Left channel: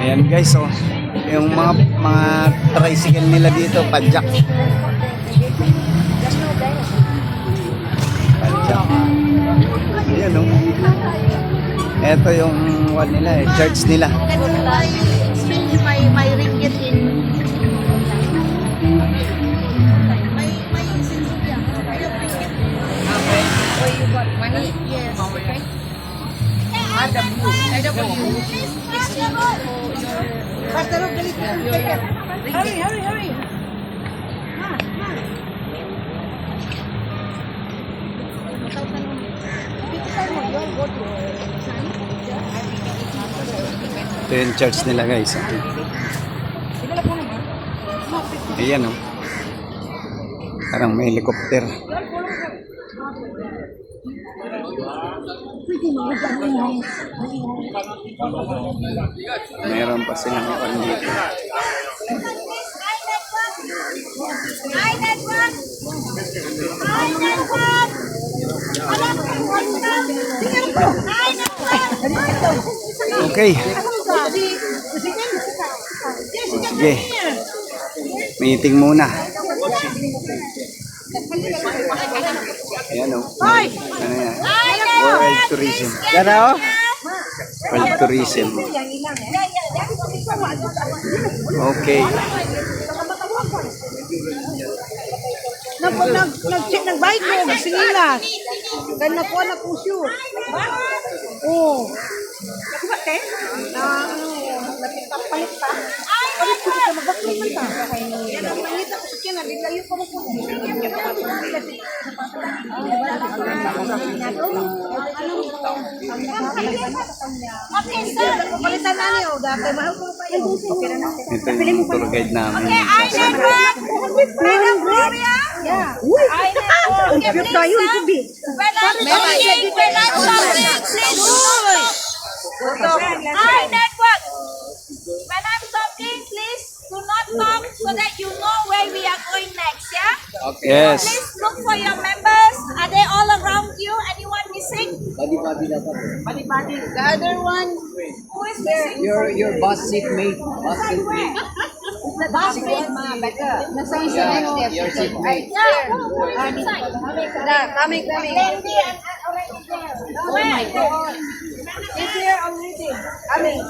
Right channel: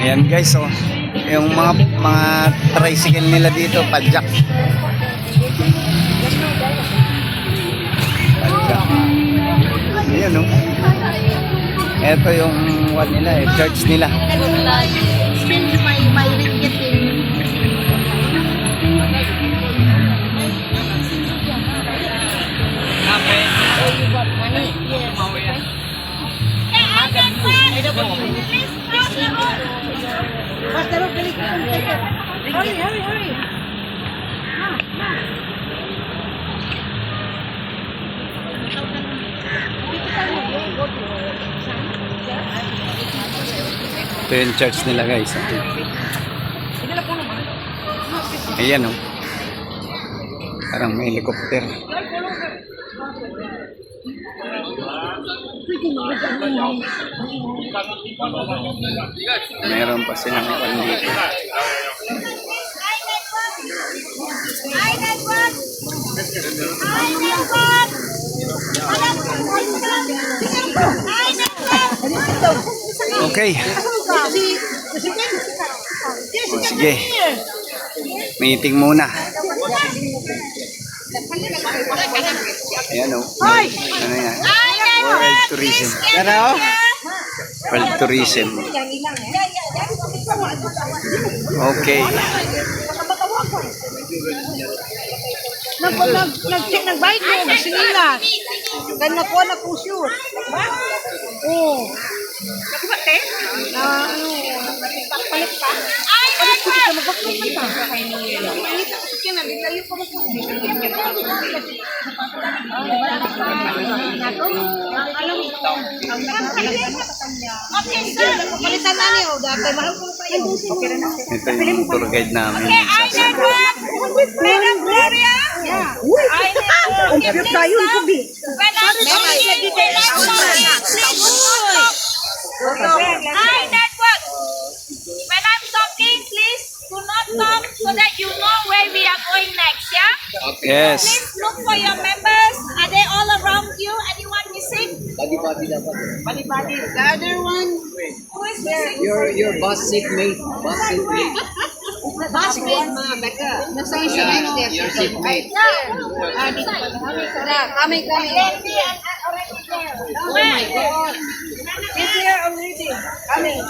Ayan guys, oh. Yung mga tricycle nila dito, padjak. Padjak. Ayan, oh. Ito yung one nila, church nila. Hurry. Ito yung church nila guys. Ayan, oh. Parang may helicopter. Meron pa silang kwan dito. Okay. O, sige. Meeting muna. Ayan, o. Ano yan? World Tourism. World Tourism. Okay. Nag-bike mo, singilas. Ganyan na po na po shoot. Oo. Palit pa? Ay, Ito yung tour guide namin. Madam Gloria? Yeah. I network. When I'm talking, please do not talk. I network. When I'm talking, please do not talk so that you know where we are going next, yeah? Yes. Please look for your members. Are they all around you? Anyone missing? Body dapat. Body. The other one? Who is missing? Your bus seatmate. Bus seatmate. Basket, mga baga. Nasa yung Yeah, your seatmate. Coming. Already there. Where? It's here already. Coming.